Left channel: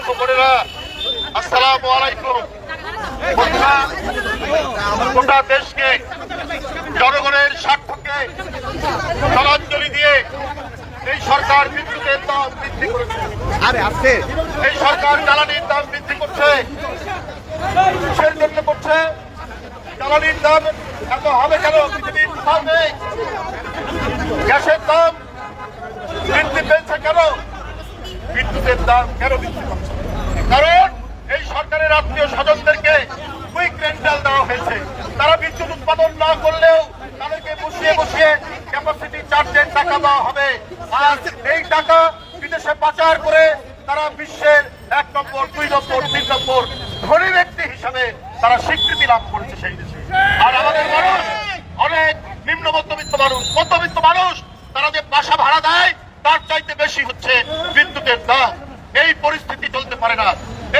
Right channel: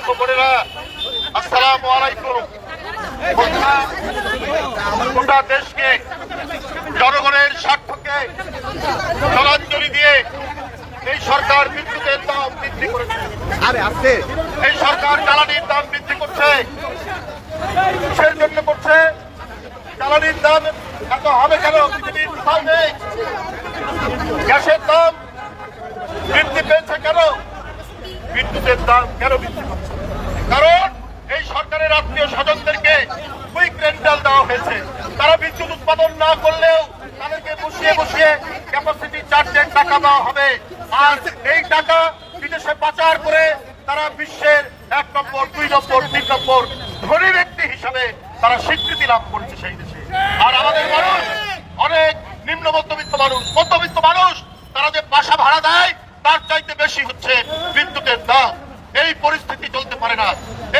ও বোনেরা আসসালামু আলাইকুম। গোটা- দেশকে জনগণের স্বার্থকে জলাঞ্জলি দিয়ে এই সরকার বিদ্যুতের দাম বৃদ্ধি করেছে। এই সরকার জ্বালানির দাম বৃদ্ধি করছে। কিসের জন্য করছে। জ্বালানির দাম এত হবে কেন? পৃথিবীর নেই গ্যাসের দাম বৃদ্ধি পেয়েছে কেন? বিদ্যুতের দাম কেন বৃদ্ধি পাচ্ছে? কারণ এই সরকারের আত্মীয় স্বজনদেরকে কুইক রেন্টাল দেওয়া হয়েছে। তারা বিদ্যুৎ উৎপাদন না করলেও তাদেরকে বসিয়ে বসিয়ে ক্যাপাসিটি চার্জের টাকা দেওয়া হবে। আর এই টাকা বিদেশে পাচার করে তারা বিশ্বের এক নম্বর, দুই নম্বর, তিন নম্বর ধনী ব্যক্তি হিসাবে তারা স্বীকৃতি লাভ করেছে সেই দেশে। আর আমাদের মানুষ, অনেক নিম্ন মধ্যবিত্ত মানুষ মধ্যবিত্ত মানুষ, তারা যে বাসা ভাড়া দেয়, তার চাইতে বেশি হচ্ছে বিদ্যুতের দাম। পারে না।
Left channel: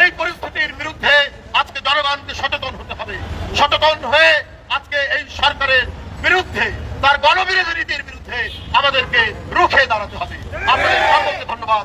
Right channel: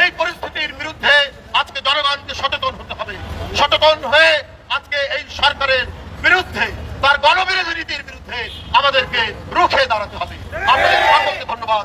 এই পরিস্থিতির বিরুদ্ধে আজকে জনগণকে সচেতন হতে হবে। সচেতন হয়ে আজকে এই সরকারের বিরুদ্ধে, তার গণবিরোধী নীতির বিরুদ্ধে আমাদেরকে রুখে দাঁড়াতে হবে। আপনাদের সকলকে ধন্যবাদ।